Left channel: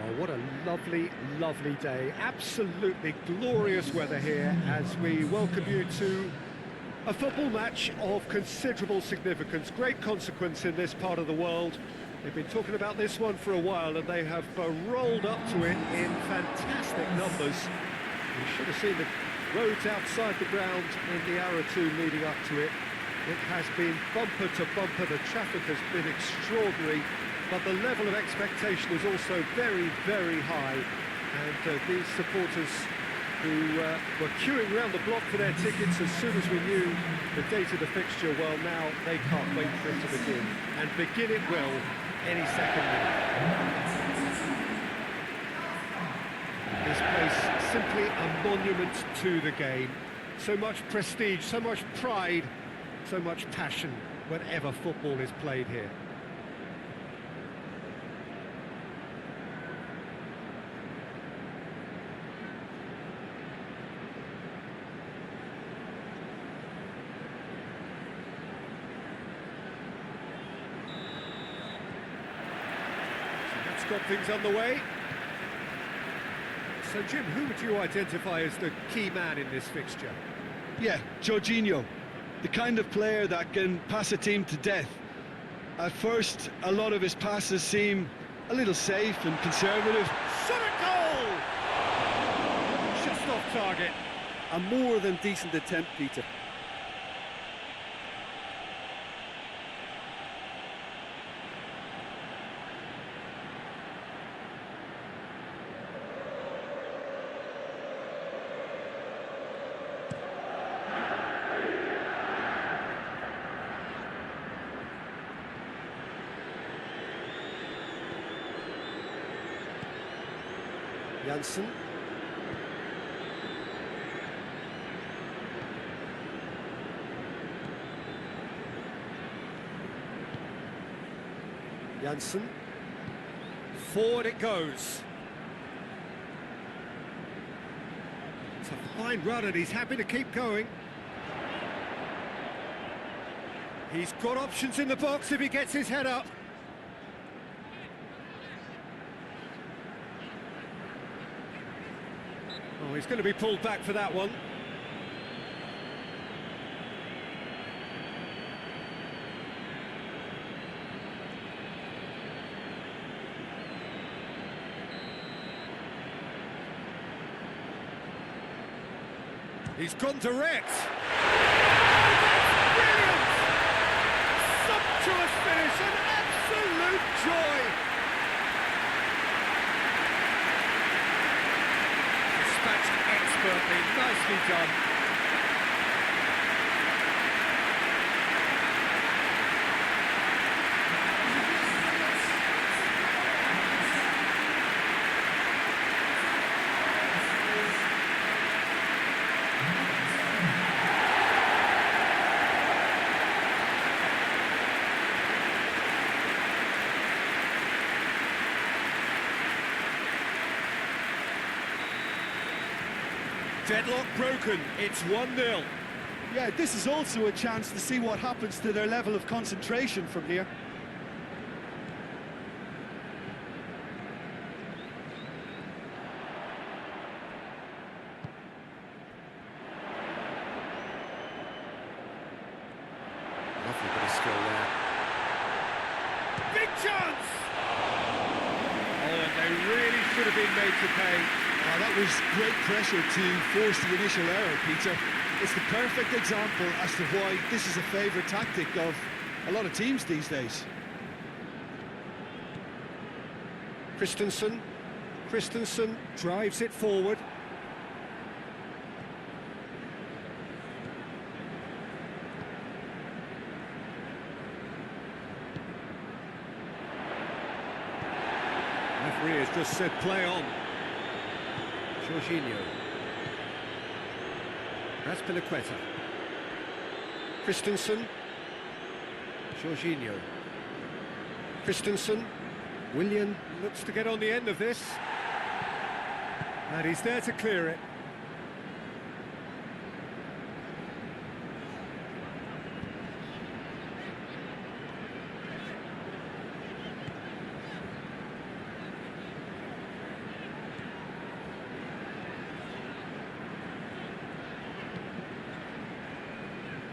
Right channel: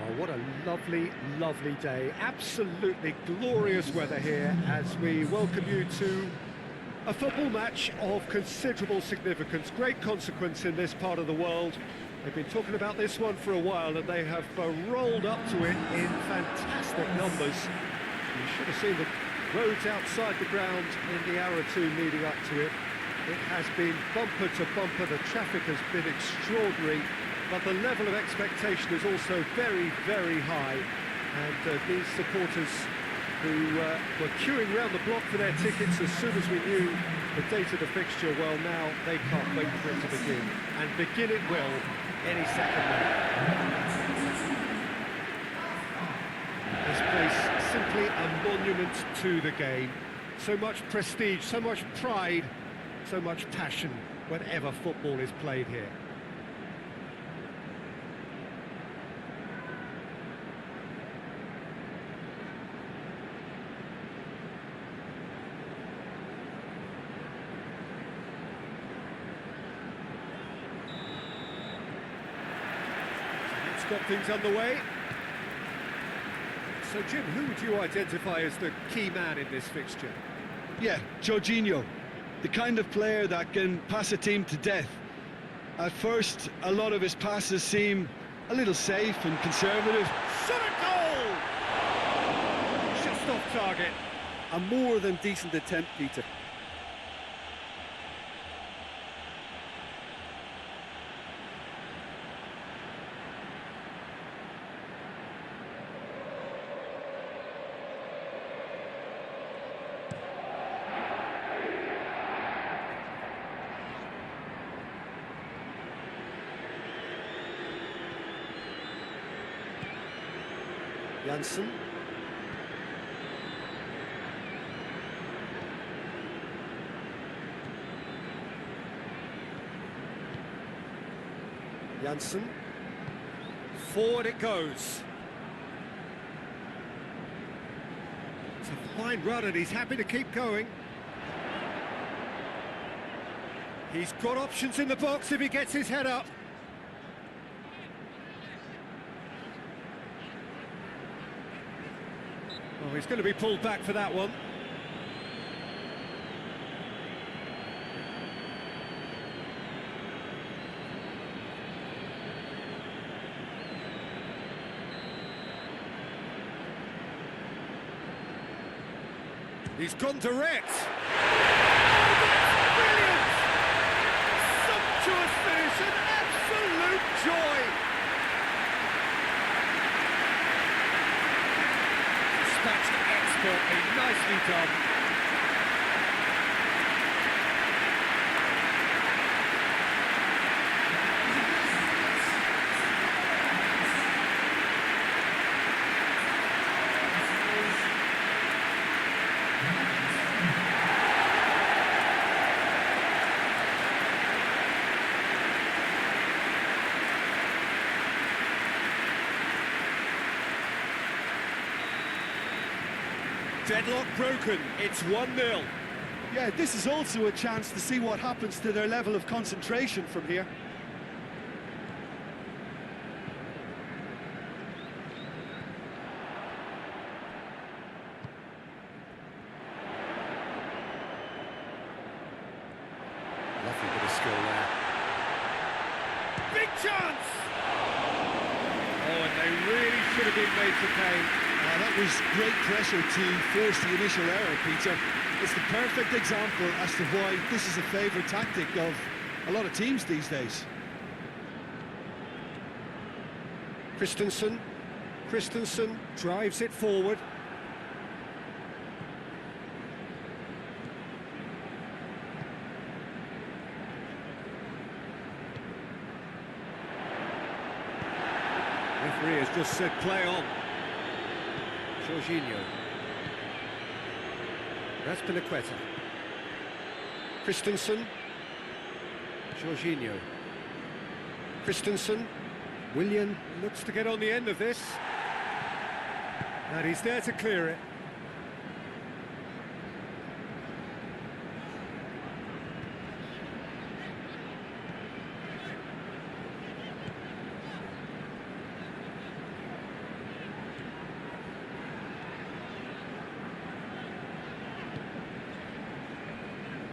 Oh, what a lovely, lovely day. Absolutely glorious weather here as we welcome you to a football match of considerable significance, great consequence in this part of the world. They've been talking about this one for a while and they have rolled up to it in fantastic numbers. You should have seen the roads outside the ground in the hour or two leading up to it. It has been bumper to bumper, the traffic has been extraordinary, but the level of expectation is also very, very high. And these supporters who were queuing round the block for their tickets as soon as we knew the date of the fixture, well, now they can't wait for it to begin. And begin it will any second now. This place simply a monument to the game. So much prestige, so much pride, so much passion whenever football is played here. So that's got things underway. So Jim, who would you identify as the key man in this fixture? Yeah, Jorginho, the kind of player that can pass a team to death. At first, a lot of his passes seem a little safe and conservative. Shot a goal! Just off target. A more than decent attempt, Peter. Janssen. Janssen. Forward it goes. It's a fine run and he's happy to keep going. He's got options in the box if he gets his head up. Oh, he's going to be pulled back for that one. He's gone direct. Oh, that's brilliant! Sumptuous finish, an absolute joy! Dispatched expertly, nicely done. Deadlock broken, it's 1-0. Yeah, this is also a chance to see what happens to their level of concentration from here. Lovely bit of skill there. Big chance! Oh, and they really should have been made to pay. That was great pressure to force the initial error, Peter. It's the perfect example as to why this is a favourite tactic of a lot of teams these days. Christensen drives it forward. Referee has just said play on. Jorginho. Razpilicueta. Christensen. Jorginho. Christensen. Willian looks to get on the end of this. And he's there to clear it.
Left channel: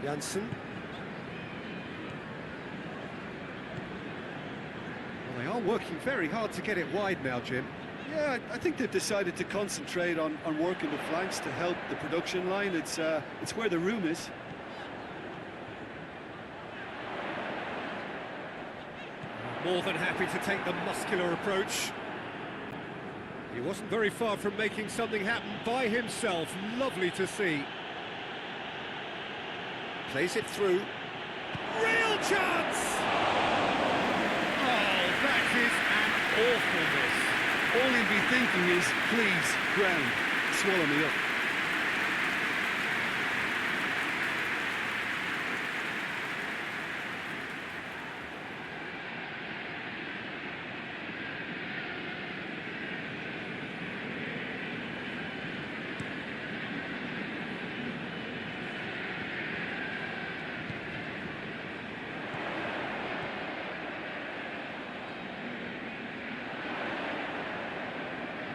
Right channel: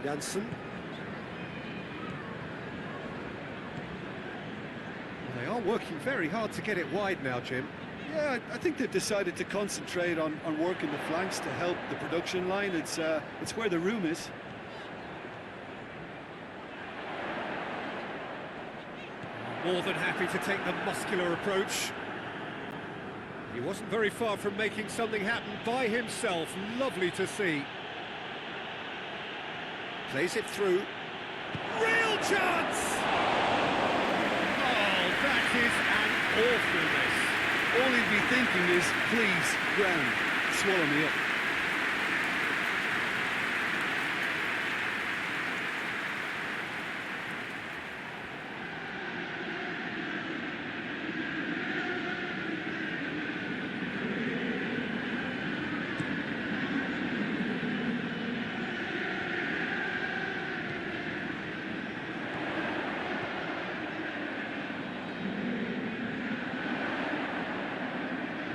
Janssen. Well, they are working very hard to get it wide now, Jim. Yeah, I think they've decided to concentrate on working the flanks to help the production line. It's where the room is. More than happy to take the muscular approach. He wasn't very far from making something happen by himself. Lovely to see. Plays it through. Real chance! Oh, that is an awful miss. All he'll be thinking is, please, ground, swallow me up.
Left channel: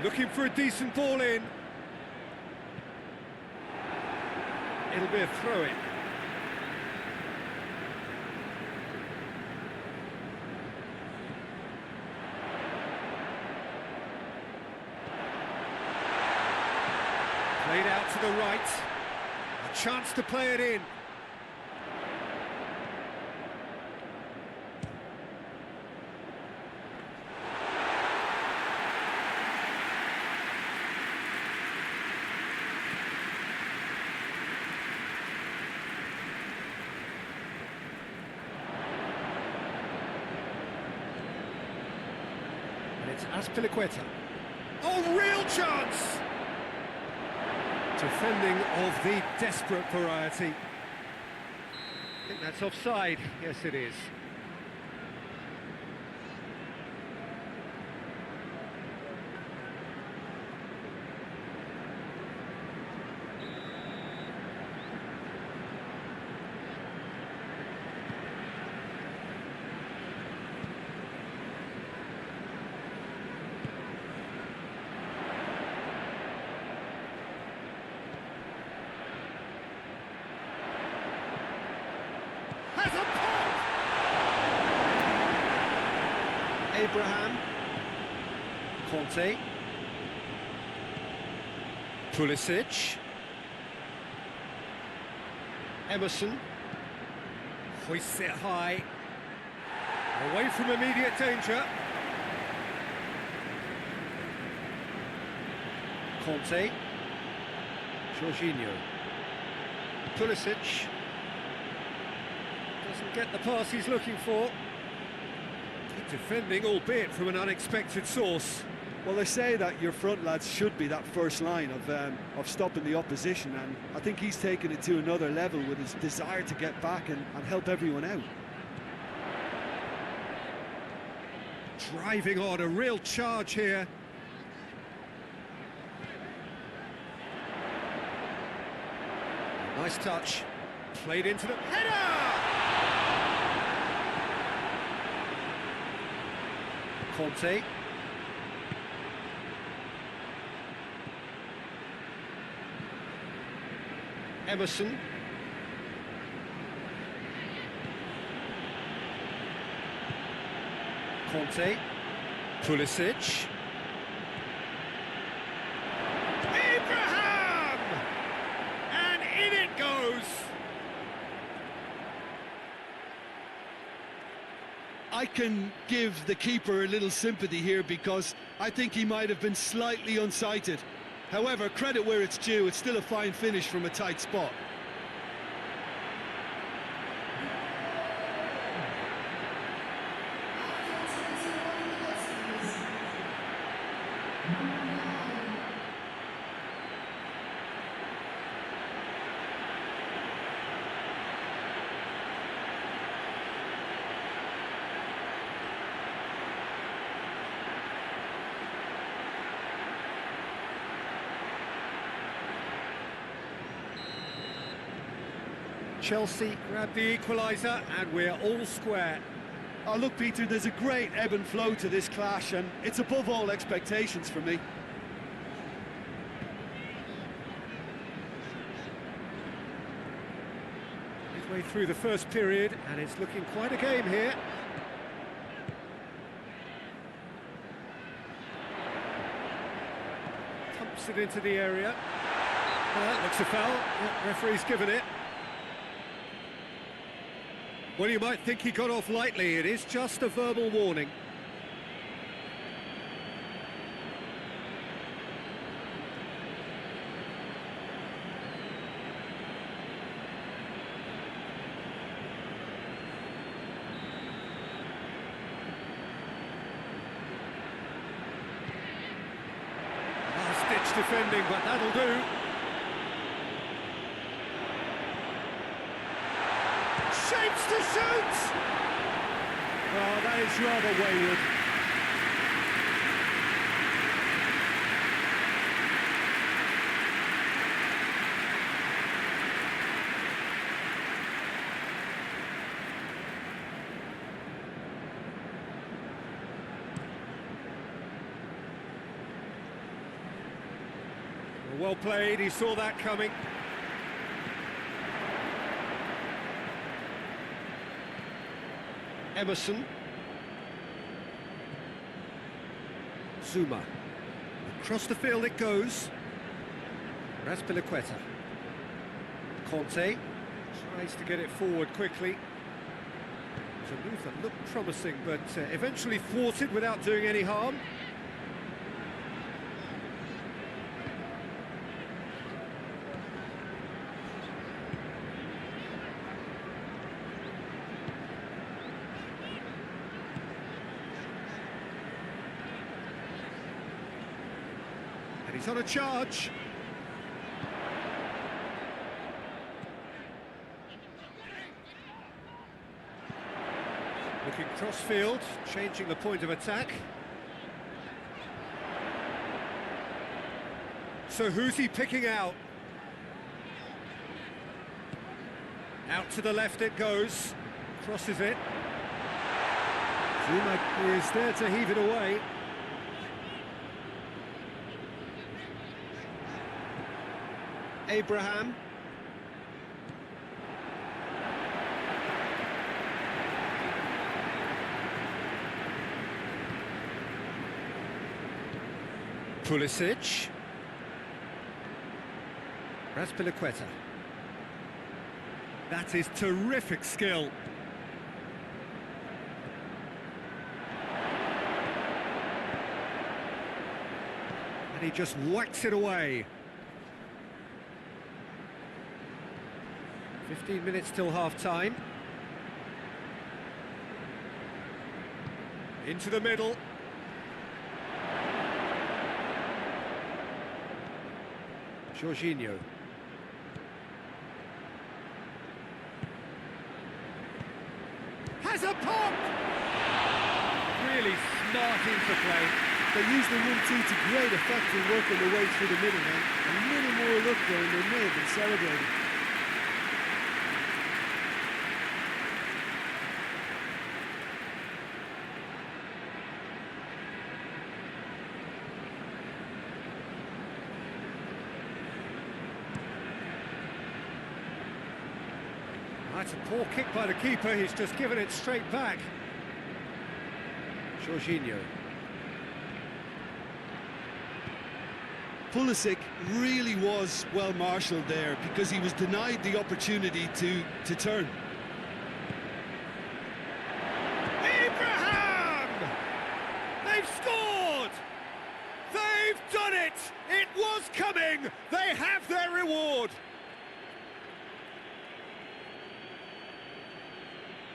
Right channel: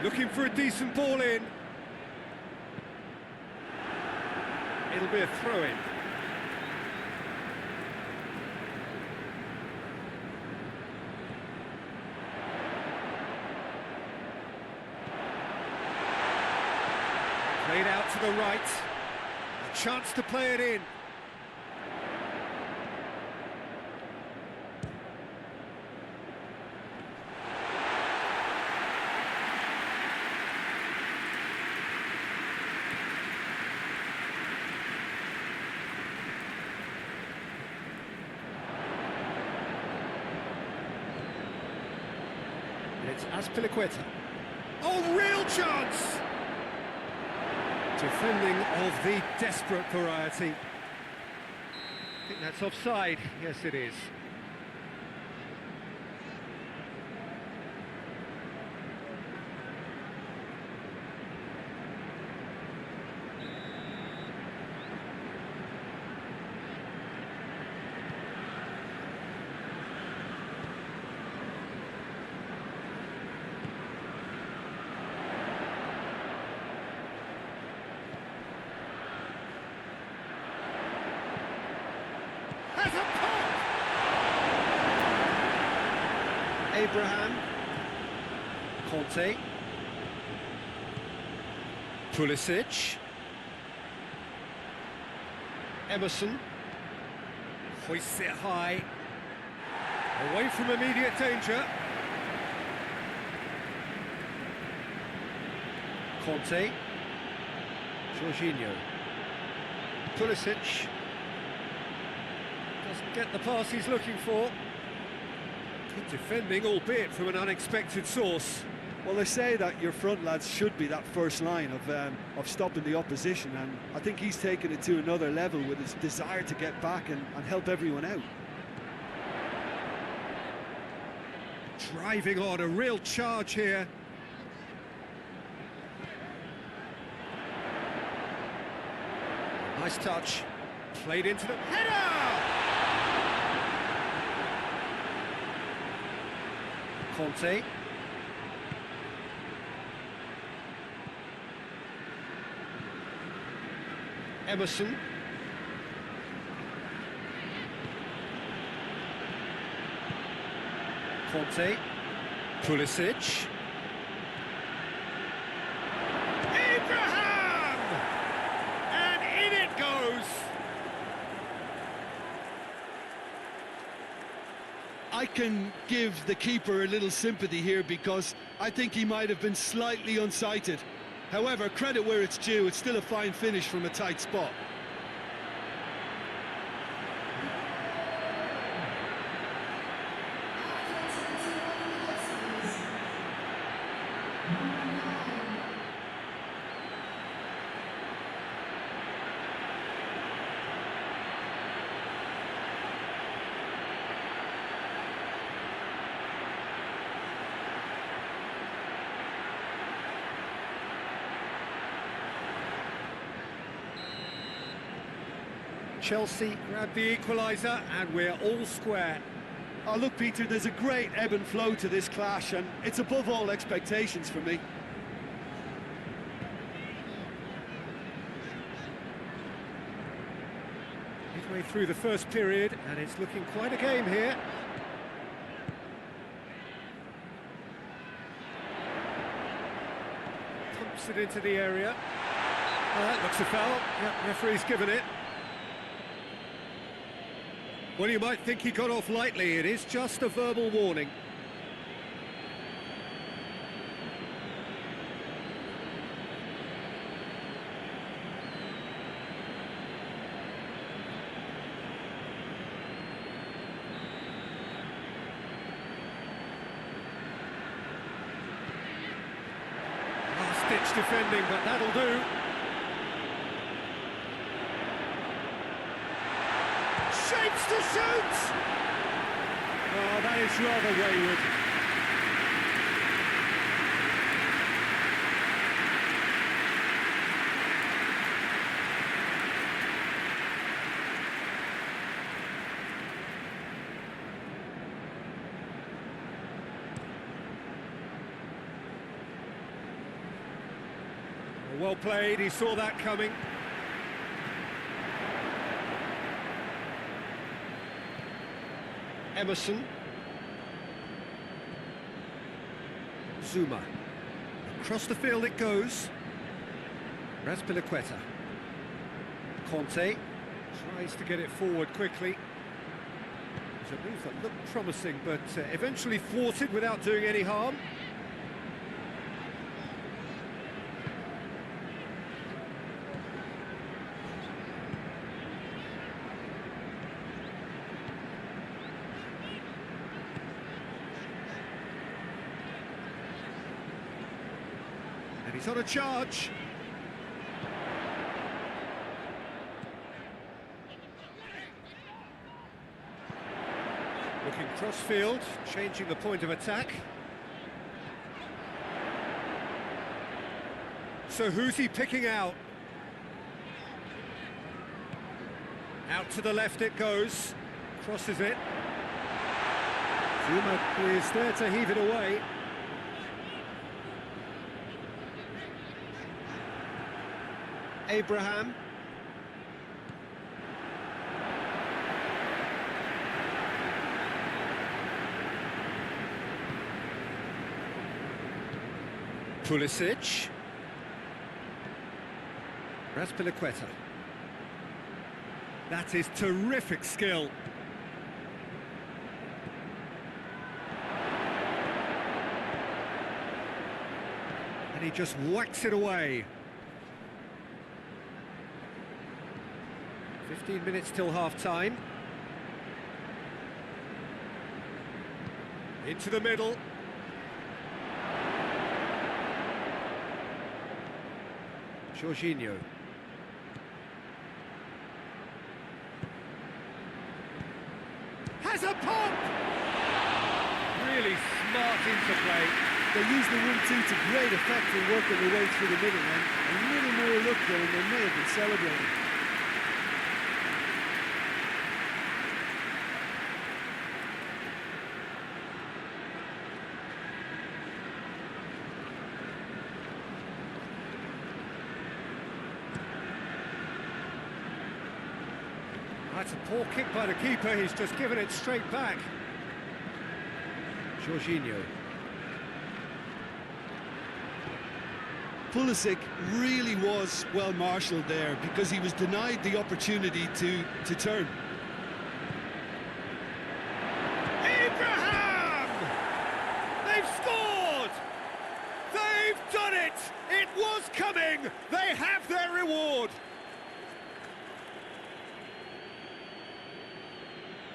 Looking for a decent ball in. It'll be a throw-in. Played out to the right. A chance to play it in. And it's Azpilicueta. Oh, real chance! Defending of the desperate variety. I think that's offside. Yes, it is. Has a pop! Abraham. Conte. Pulisic. Emerson. Hoists it high. Away from immediate danger. Conte. Jorginho. Pulisic. Doesn't get the pass he's looking for. Good defending, albeit from an unexpected source. Well, they say that your front lads should be that first line of stopping the opposition, and I think he's taken it to another level with his desire to get back and help everyone out. Driving on, a real charge here. Oh, nice touch. Played into the header! Conte. Emerson. Conte. Pulisic. Abraham! And in it goes! I can give the keeper a little sympathy here because I think he might have been slightly unsighted. However, credit where it's due, it's still a fine finish from a tight spot. Chelsea grab the equaliser and we're all square. Oh, look, Peter, there's a great ebb and flow to this clash, and it's above all expectations for me. It Midway through the first period, and it's looking quite a game here. Pumps it into the area. That looks a foul. Yeah, referee's given it. Well, you might think he got off lightly. It is just a verbal warning. Last-ditch defending, but that'll do. Shapes to shoot! Oh, that is rather wayward. Well played, he saw that coming. Emerson. Zuma. Across the field it goes. Raspilicueta. Conte tries to get it forward quickly. It was a move that looked promising, but eventually thwarted without doing any harm. And he's on a charge. Looking cross-field, changing the point of attack. So who's he picking out? Out to the left it goes. Crosses it. Zuma is there to heave it away. Abraham. Pulisic. Raspilicueta. That is terrific skill. And he just whacks it away. 15 minutes till half-time. Into the middle. Jorginho. Has a pop! Really smart interplay. They used the 1-2 to great effect in working their way through the middle, and a little more luck there and they may have been celebrating. That's a poor kick by the keeper, he's just given it straight back. Jorginho. Pulisic really was well marshalled there because he was denied the opportunity to turn. Abraham! They've scored! They've done it! It was coming! They have their reward!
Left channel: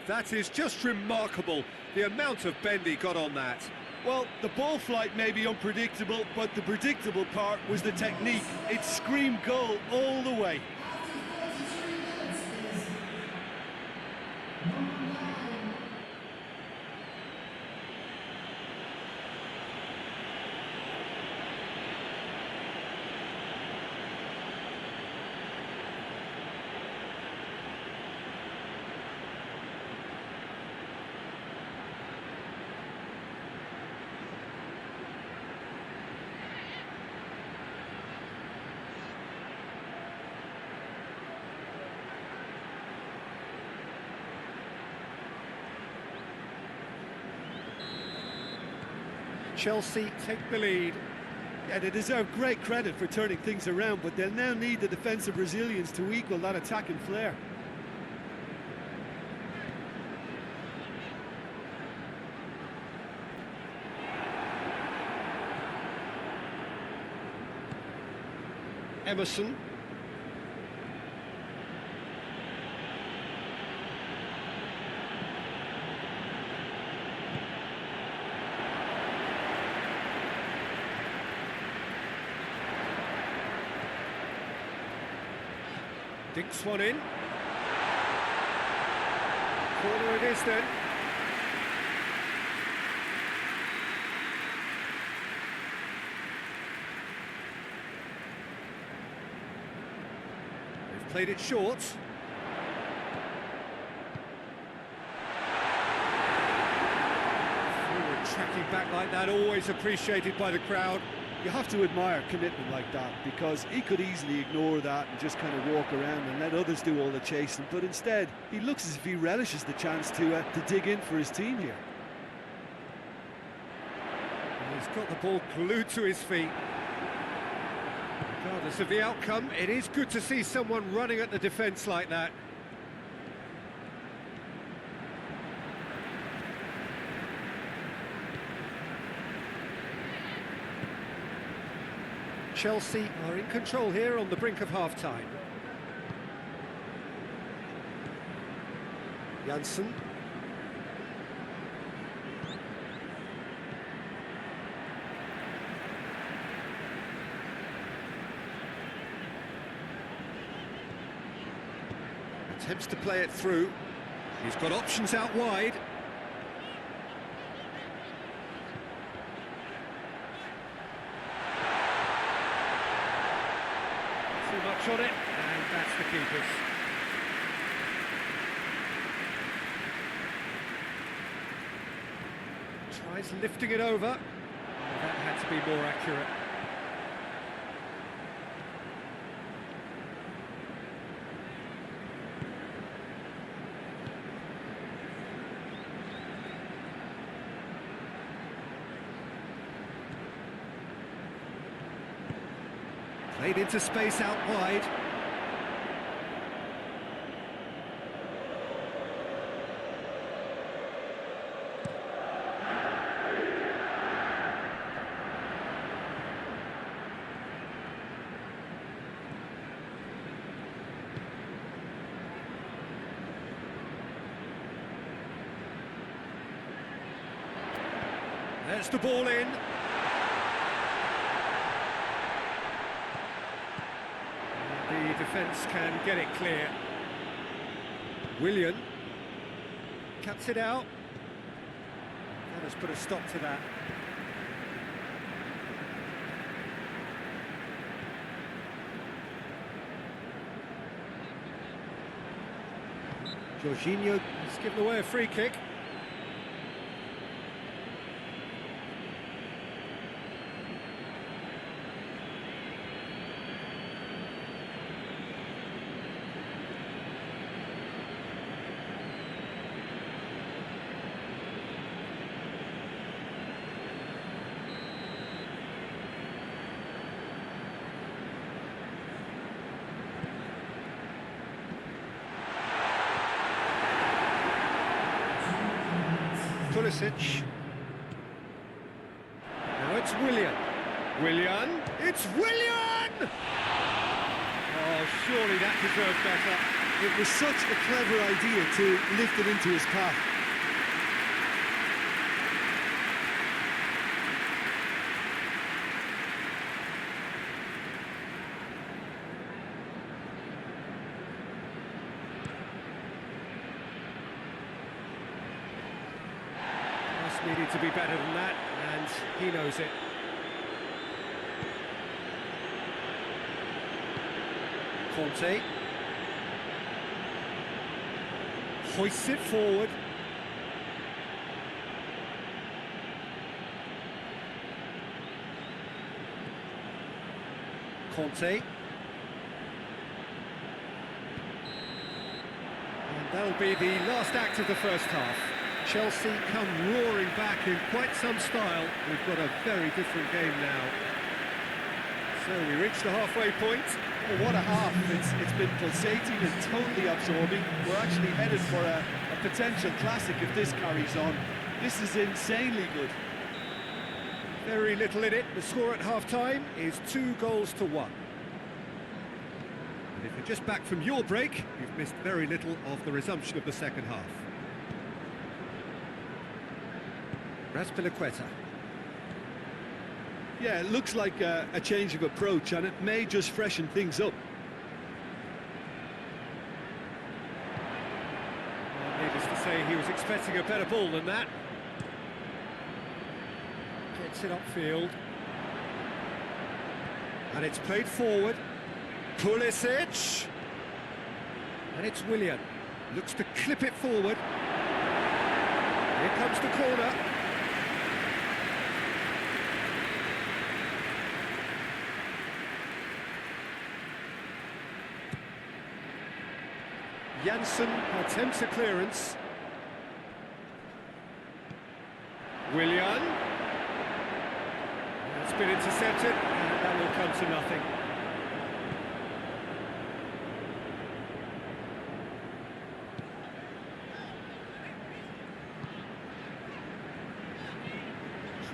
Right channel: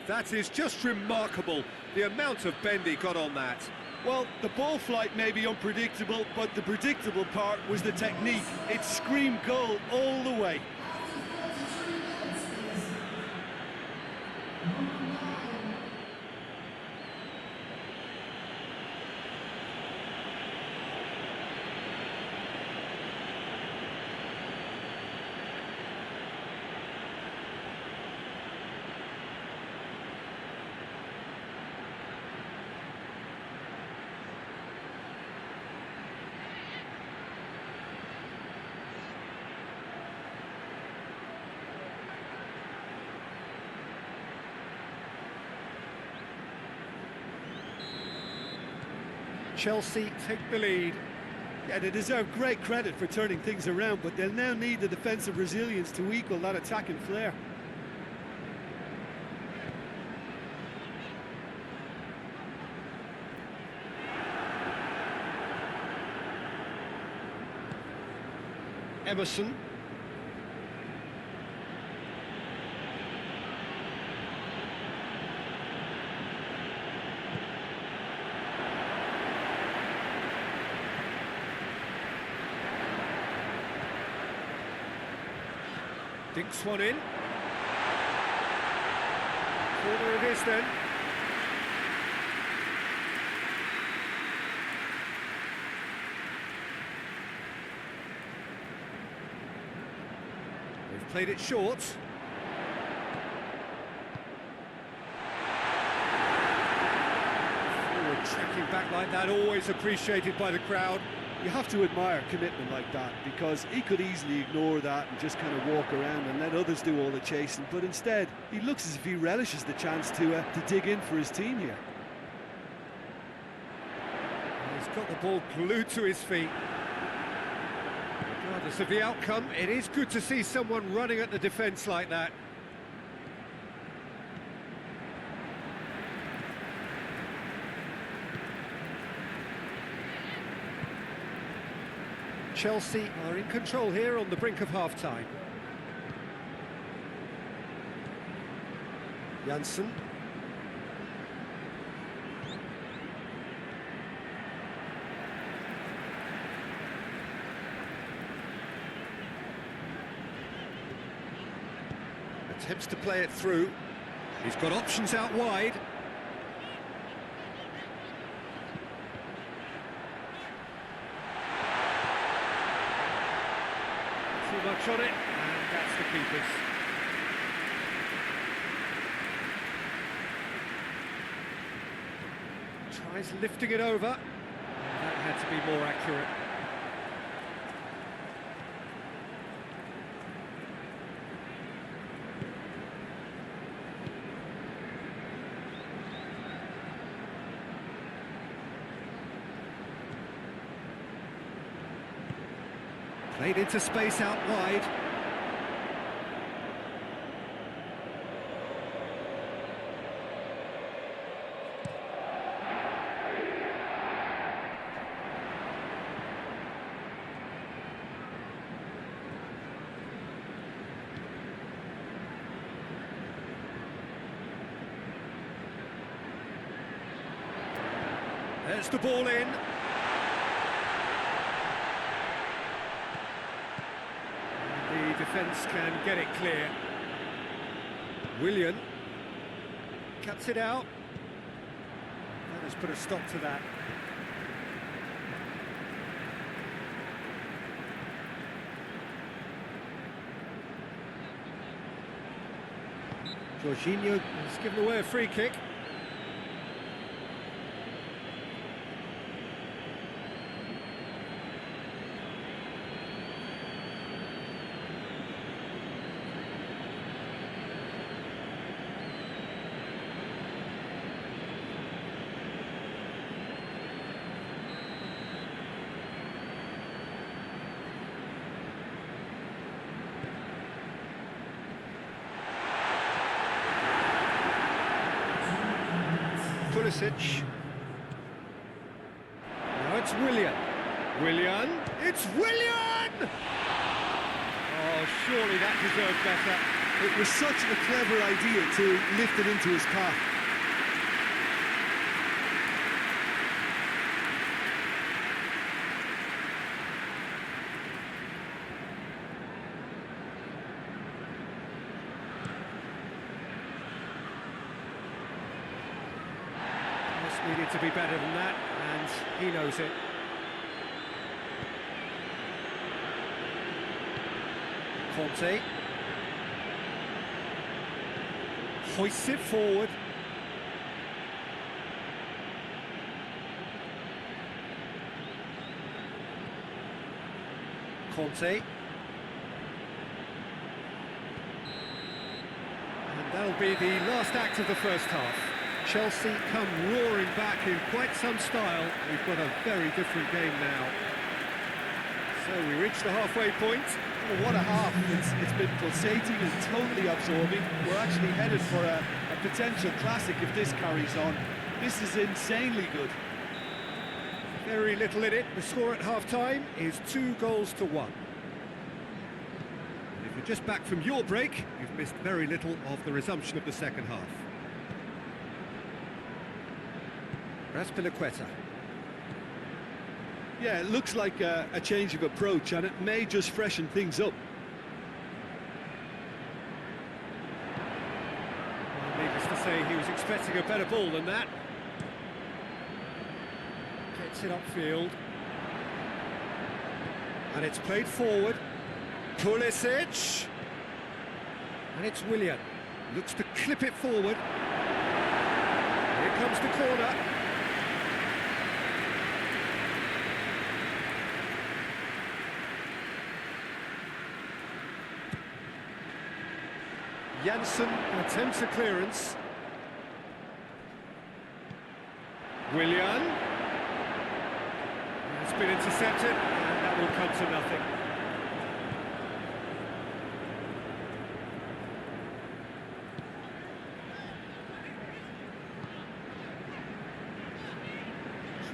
That is just remarkable, the amount of bend he got on that. Well, the ball flight may be unpredictable, but the predictable part was the technique. It screamed goal all the way. Chelsea take the lead. Yeah, they deserve great credit for turning things around, but they'll now need the defensive resilience to equal that attacking flair. Emerson. Dinks one in. Corner it is then. They've played it short. Forward tracking back like that, always appreciated by the crowd. You have to admire commitment like that, because he could easily ignore that and just kind of walk around and let others do all the chasing, but instead he looks as if he relishes the chance to dig in for his team here. Well, he's got the ball glued to his feet. Regardless of the outcome, it is good to see someone running at the defence like that. Chelsea are in control here on the brink of half-time. Janssen. Attempts to play it through. He's got options out wide. Too much on it, and that's the keeper's. Tries lifting it over. Oh, that had to be more accurate. Played into space out wide. There's the ball in. The defence can get it clear. Willian cuts it out. And that has put a stop to that. Jorginho has given away a free kick. Pulisic. Now it's Willian. Willian. It's Willian! Oh, surely that deserved better. It was such a clever idea to lift it into his path. Pass needed to be better than that, and he knows it. Conte. Hoists it forward. Conte. And that'll be the last act of the first half. Chelsea come roaring back in quite some style. We've got a very different game now. So we reach the halfway point. Oh, what a half. It's been pulsating and totally absorbing. We're actually headed for a potential classic if this carries on. This is insanely good. Very little in it. The score at half-time is 2-1. And if you're just back from your break, you've missed very little of the resumption of the second half. Raspilicueta. Yeah, it looks like a change of approach, and it may just freshen things up. Well, needless to say, he was expecting a better ball than that. Gets it upfield. And it's played forward. Pulisic. And it's Willian. Looks to clip it forward. Here comes the corner. Janssen attempts a clearance. Willian. It's been intercepted, and that will come to nothing.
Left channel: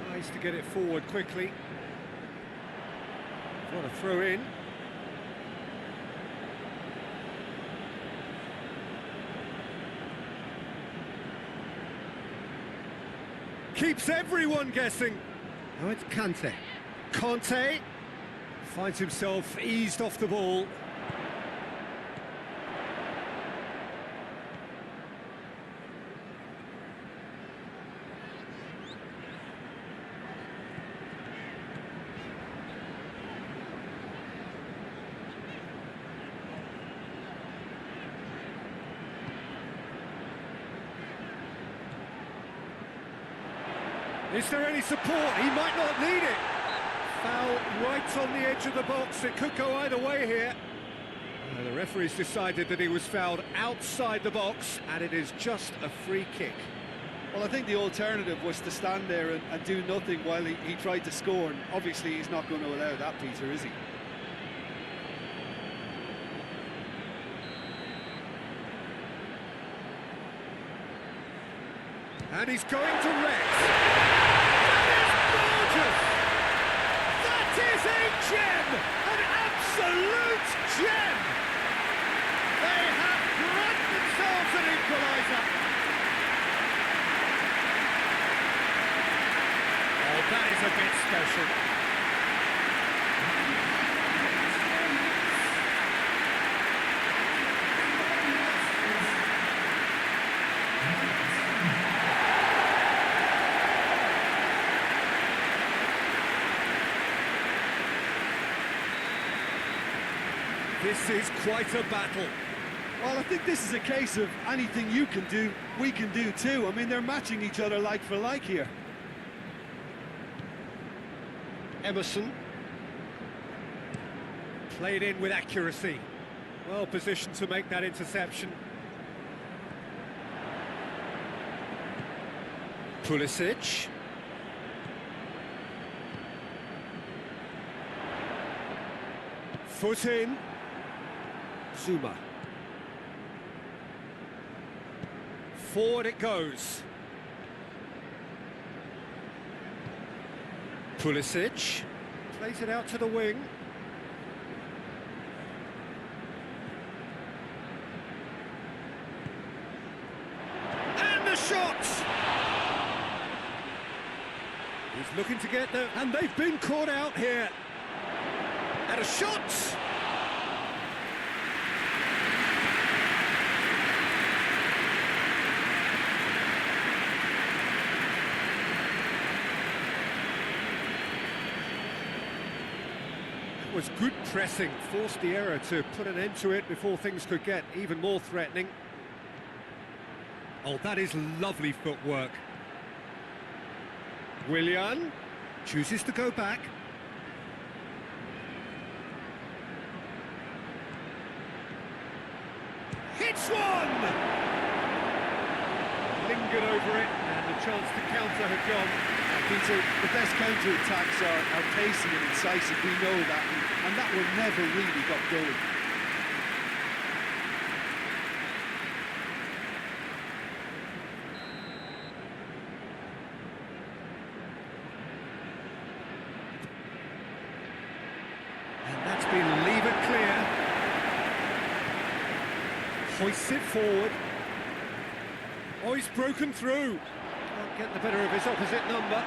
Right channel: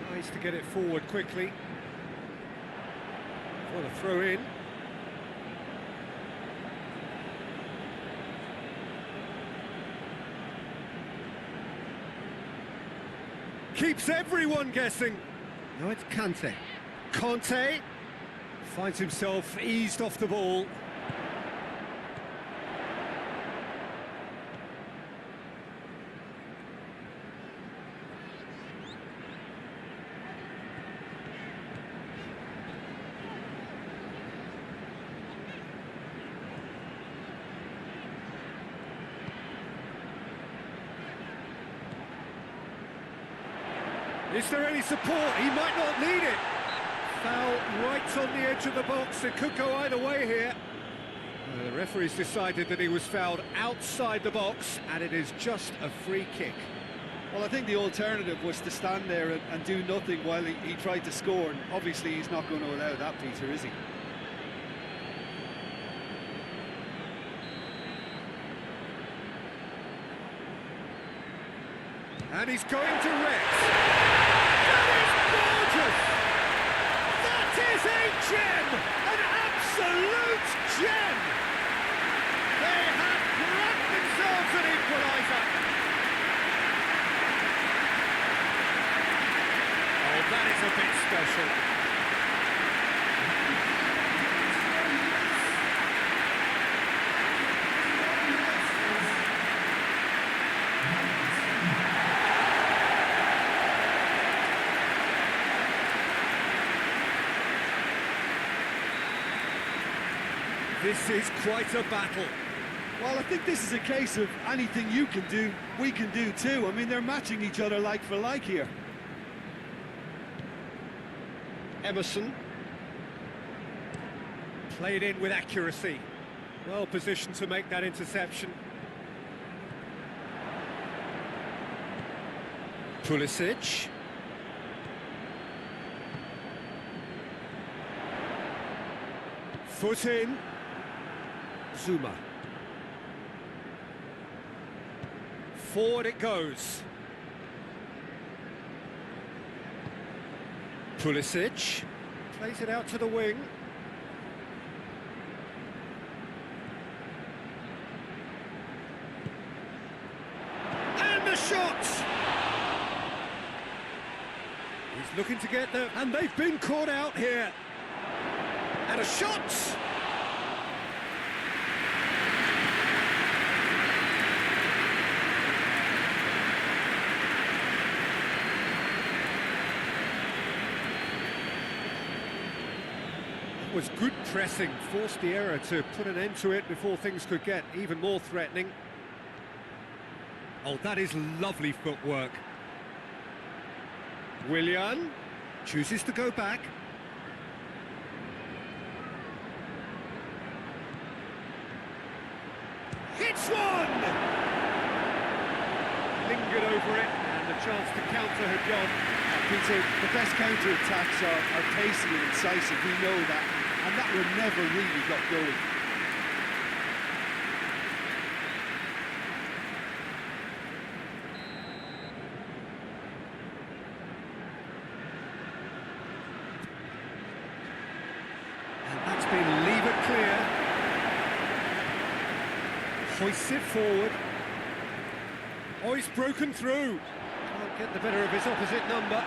Tries to get it forward quickly. What a throw in. Keeps everyone guessing. Now it's Kante. Conte finds himself eased off the ball. Is there any support? He might not need it. Foul right on the edge of the box. It could go either way here. The referee's decided that he was fouled outside the box, and it is just a free kick. Well, I think the alternative was to stand there and do nothing while he tried to score, and obviously he's not going to allow that, Peter, is he? And he's going to Rex. That is gorgeous! That is a gem! An absolute gem! They have grabbed themselves an equaliser. Oh, that is a bit special. This is quite a battle. Well, I think this is a case of anything you can do, we can do too. I mean, they're matching each other like for like here. Emerson. Played in with accuracy. Well positioned to make that interception. Pulisic. Foot in. Zuma. Forward it goes. Pulisic plays it out to the wing. And the shot! He's looking to get there, and they've been caught out here. And a shot! That was good pressing, forced the error to put an end to it before things could get even more threatening. Oh, that is lovely footwork. Willian chooses to go back. Hits one! lingered over it, and the chance to counter had gone. Peter, the best counter-attacks are pacey and incisive, we know that, and that one never really got going. And that's been levered clear. Hoists it forward. Oh, he's broken through. Can't get the better of his opposite number.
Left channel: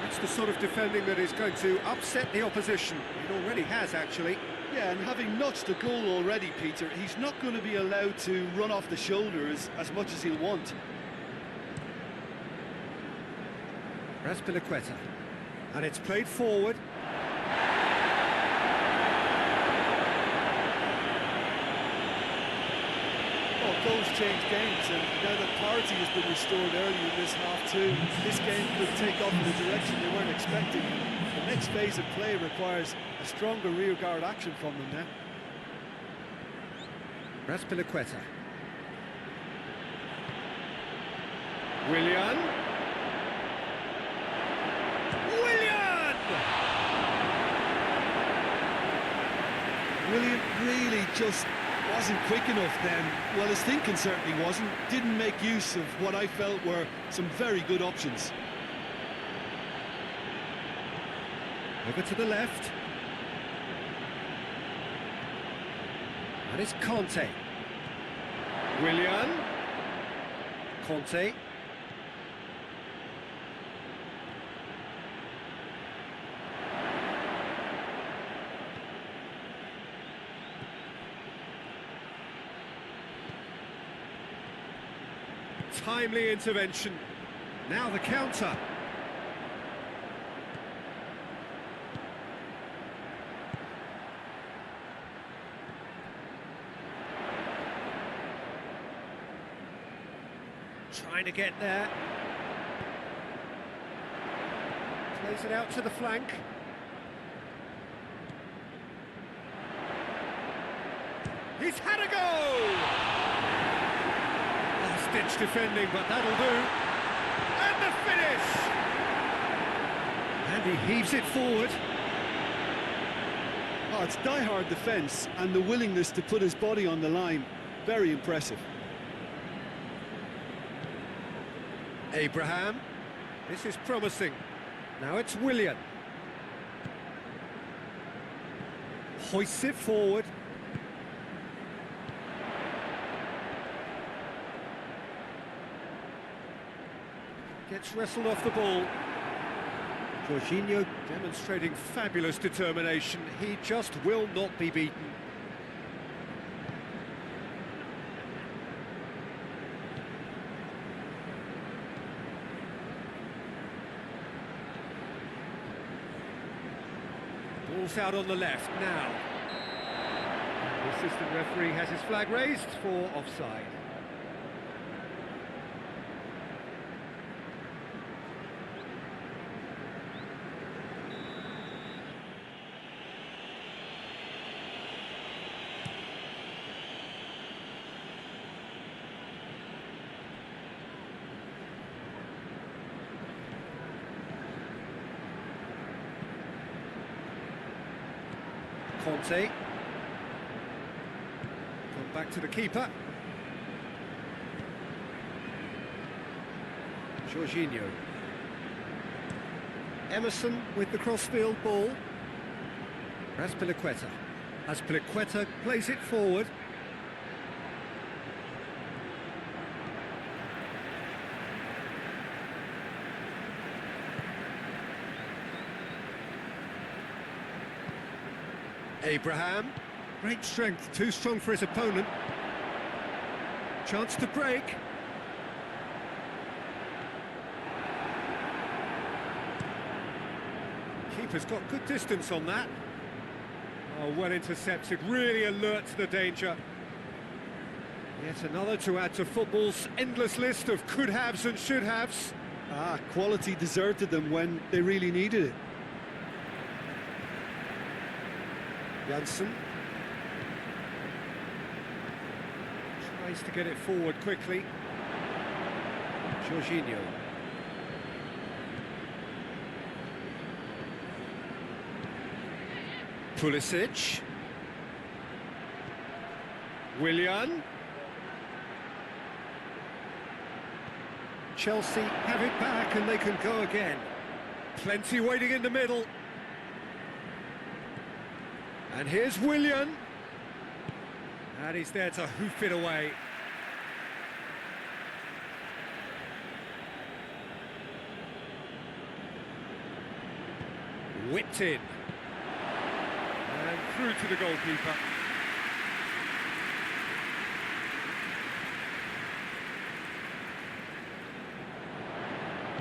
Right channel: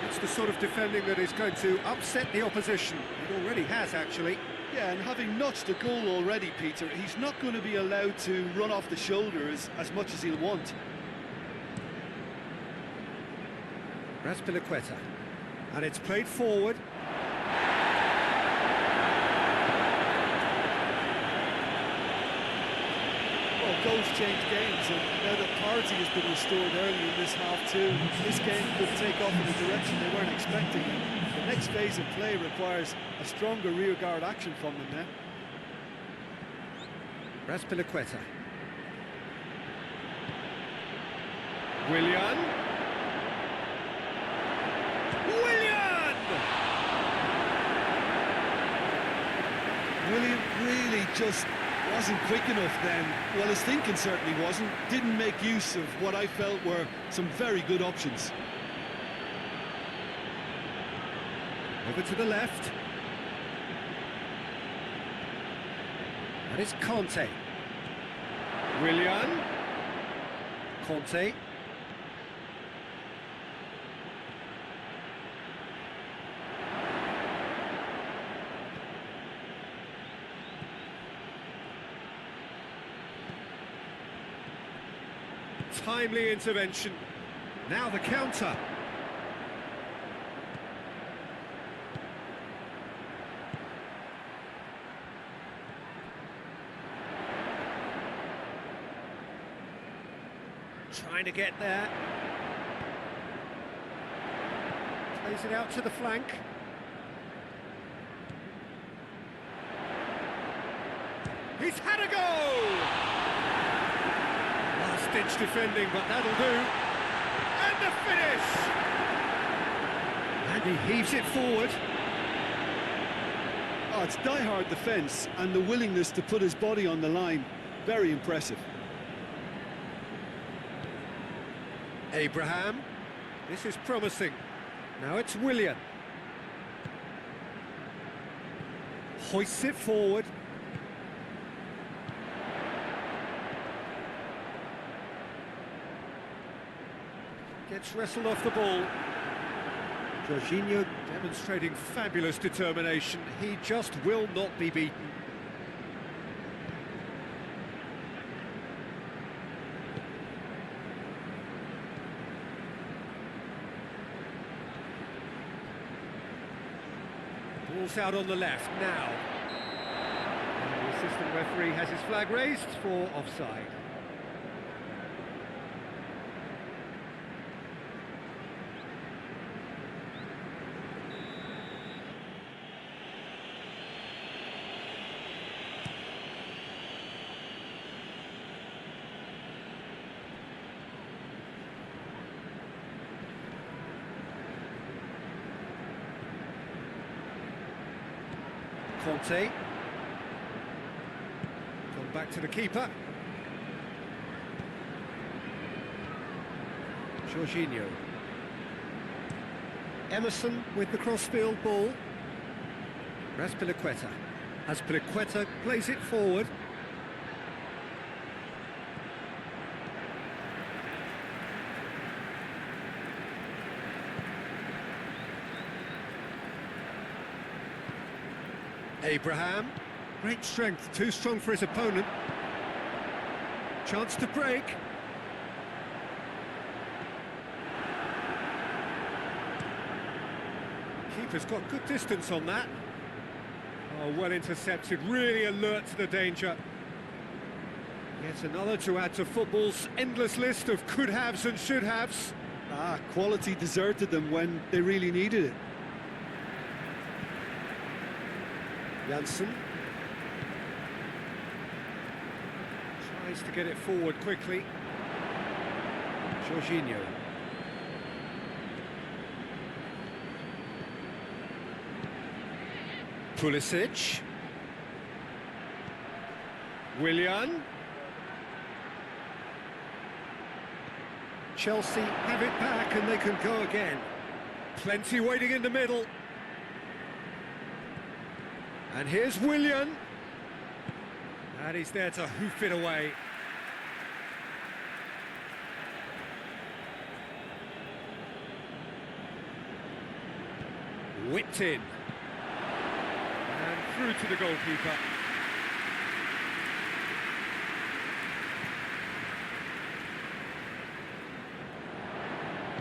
That's the sort of defending that is going to upset the opposition. It already has, actually. Yeah, and having notched a goal already, Peter, he's not going to be allowed to run off the shoulders as much as he'll want. Raspilicueta. And it's played forward. Well, goals change games, and now that parity has been restored early in this half too, this game could take off in a direction they weren't expecting, and the next phase of play requires a stronger rearguard action from them now. Raspilicueta. Willian. Willian really just wasn't quick enough then. Well, his thinking certainly wasn't. Didn't make use of what I felt were some very good options. Over to the left. And it's Conte. Willian. Conte. Timely intervention. Now the counter. Trying to get there. Plays it out to the flank. He's had a go! Last-ditch defending, but that'll do. And the finish! And he heaves it forward. Oh, it's die-hard defence, and the willingness to put his body on the line. Very impressive. Abraham. This is promising. Now it's Willian. Hoists it forward. Gets wrestled off the ball. Jorginho demonstrating fabulous determination. He just will not be beaten. Ball's out on the left now. And the assistant referee has his flag raised for offside. Conte. Gone back to the keeper. Jorginho. Emerson with the cross-field ball. Raspilicueta. Raspilicueta plays it forward. Abraham, great strength, too strong for his opponent. Chance to break. Keeper's got good distance on that. Oh, well intercepted, really alert to the danger. Yet another to add to football's endless list of could-haves and should-haves. Quality deserted them when they really needed it. Janssen tries to get it forward quickly. Jorginho. Pulisic. Willian. Chelsea have it back and they can go again. Plenty waiting in the middle. And here's Willian. And he's there to hoof it away. Whipped in. And through to the goalkeeper.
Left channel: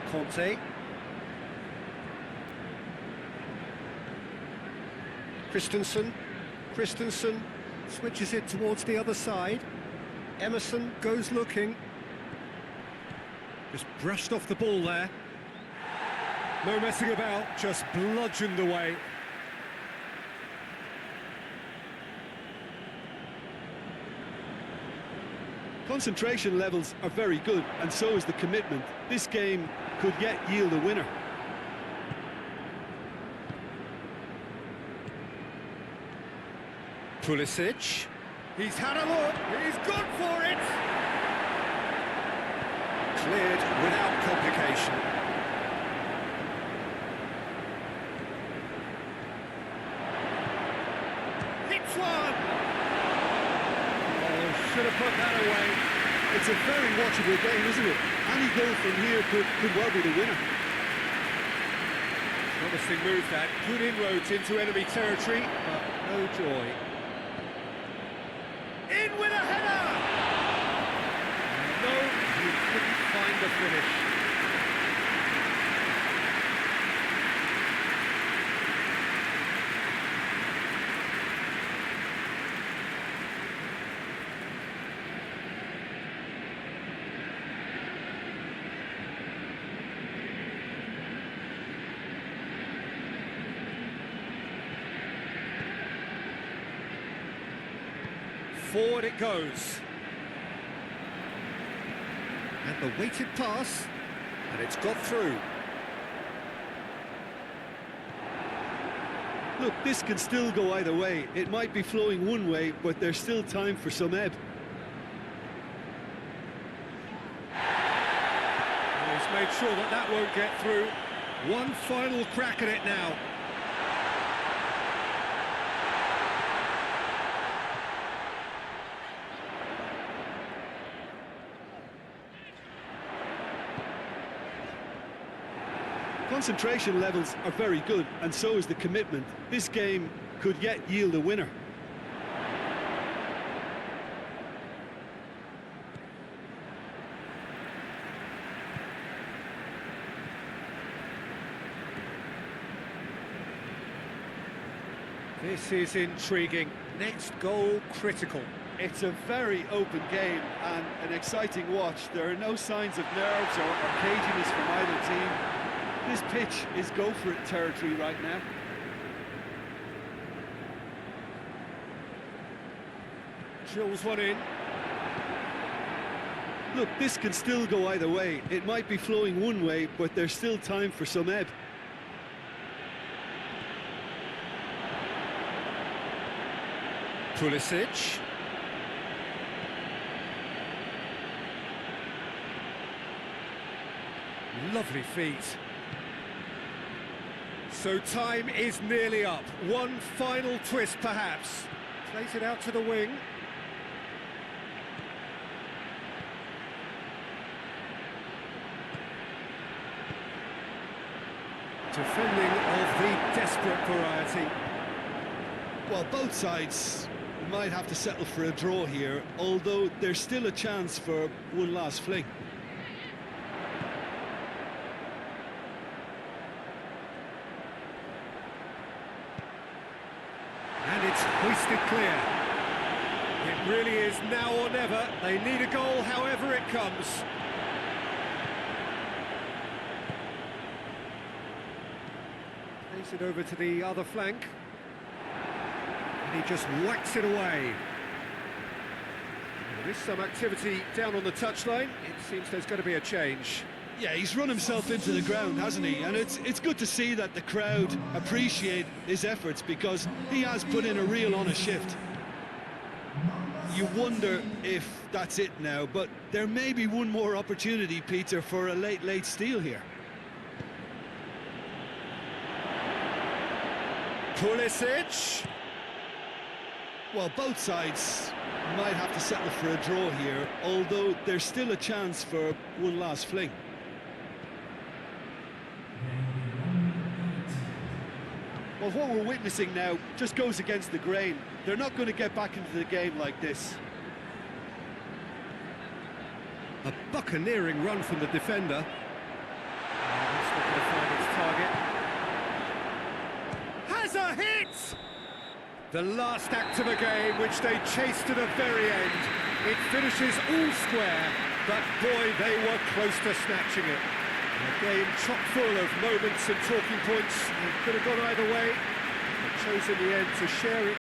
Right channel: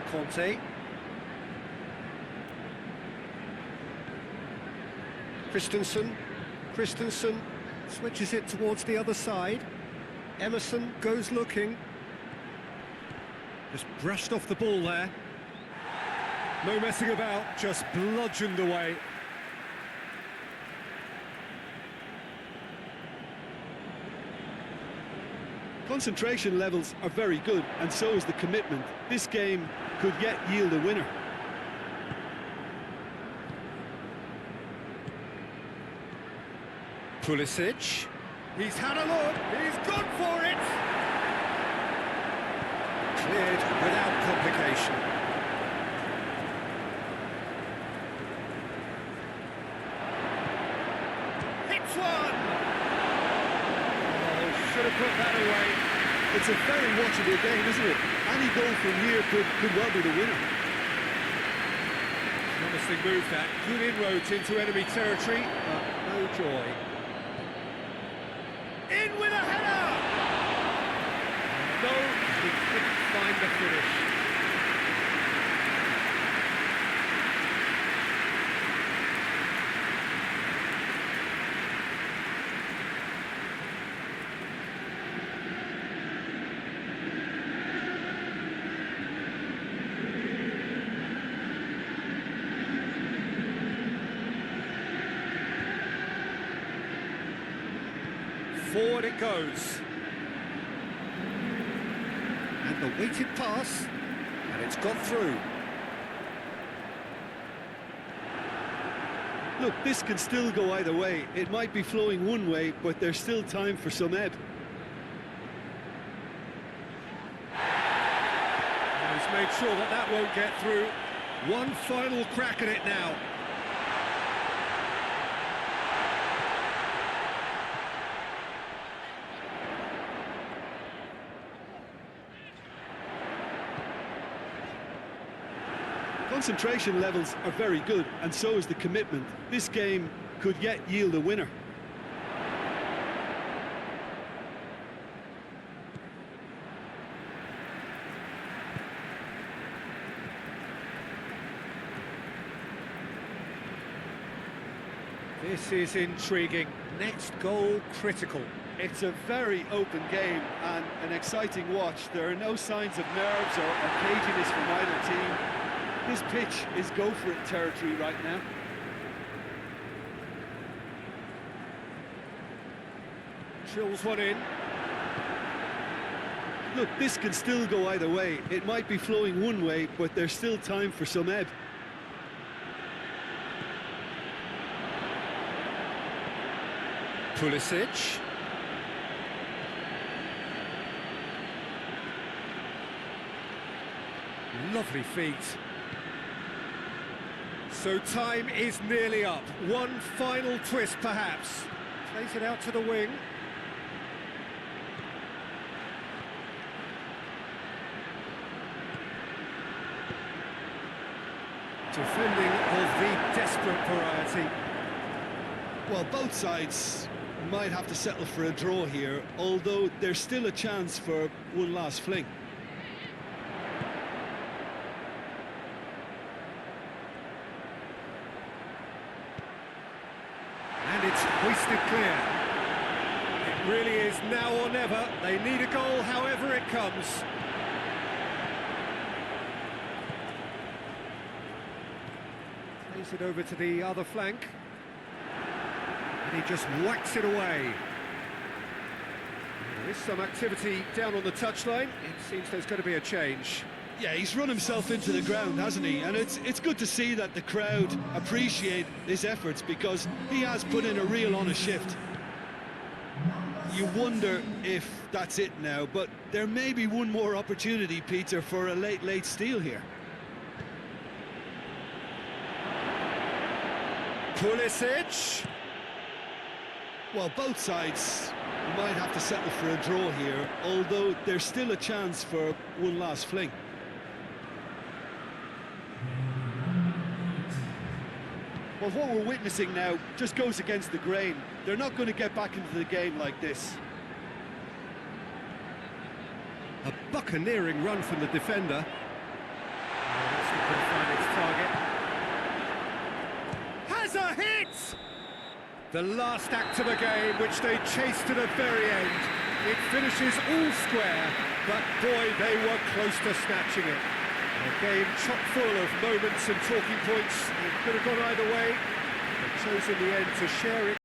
Conte. Christensen switches it towards the other side. Emerson goes looking. Just brushed off the ball there. No messing about, just bludgeoned away. Concentration levels are very good, and so is the commitment. This game could yet yield a winner. Pulisic. He's had a look, he's gone for it! Cleared without complication. Hits one! Oh, should have put that away. It's a very watchable game, isn't it? Any goal from here could well be the winner. Promising move that. Good inroads into enemy territory, but no joy. In with a header! And no, he couldn't find the finish. Forward it goes. And the weighted pass, and it's got through. Look, this can still go either way. It might be flowing one way, but there's still time for some ebb. And he's made sure that that won't get through. One final crack at it now. Concentration levels are very good, and so is the commitment. This game could yet yield a winner. This is intriguing. Next goal critical. It's a very open game and an exciting watch. There are no signs of nerves or caginess from either team. This pitch is go-for-it territory right now. Drills one in. Look, this can still go either way. It might be flowing one way, but there's still time for some ebb. Pulisic. Lovely feet. So time is nearly up. One final twist, perhaps. Plays it out to the wing. Defending of the desperate variety. Well, both sides might have to settle for a draw here, although there's still a chance for one last fling. And it's hoisted clear. It really is now or never. They need a goal however it comes. Plays it over to the other flank. And he just whacks it away. Well, there is some activity down on the touchline. It seems there's going to be a change. Yeah, he's run himself into the ground, hasn't he? And it's good to see that the crowd appreciate his efforts, because he has put in a real honest shift. You wonder if that's it now, but there may be one more opportunity, Peter, for a late steal here. Pulisic. Well, both sides might have to settle for a draw here, although there's still a chance for one last fling. Well, what we're witnessing now just goes against the grain. They're not going to get back into the game like this. A buccaneering run from the defender. Oh, that's not going to find its target. Has a hit! The last act of a game, which they chased to the very end. It finishes all square, but boy, they were close to snatching it. A game chock full of moments and talking points. It could have gone either way. They chose in the end to share it.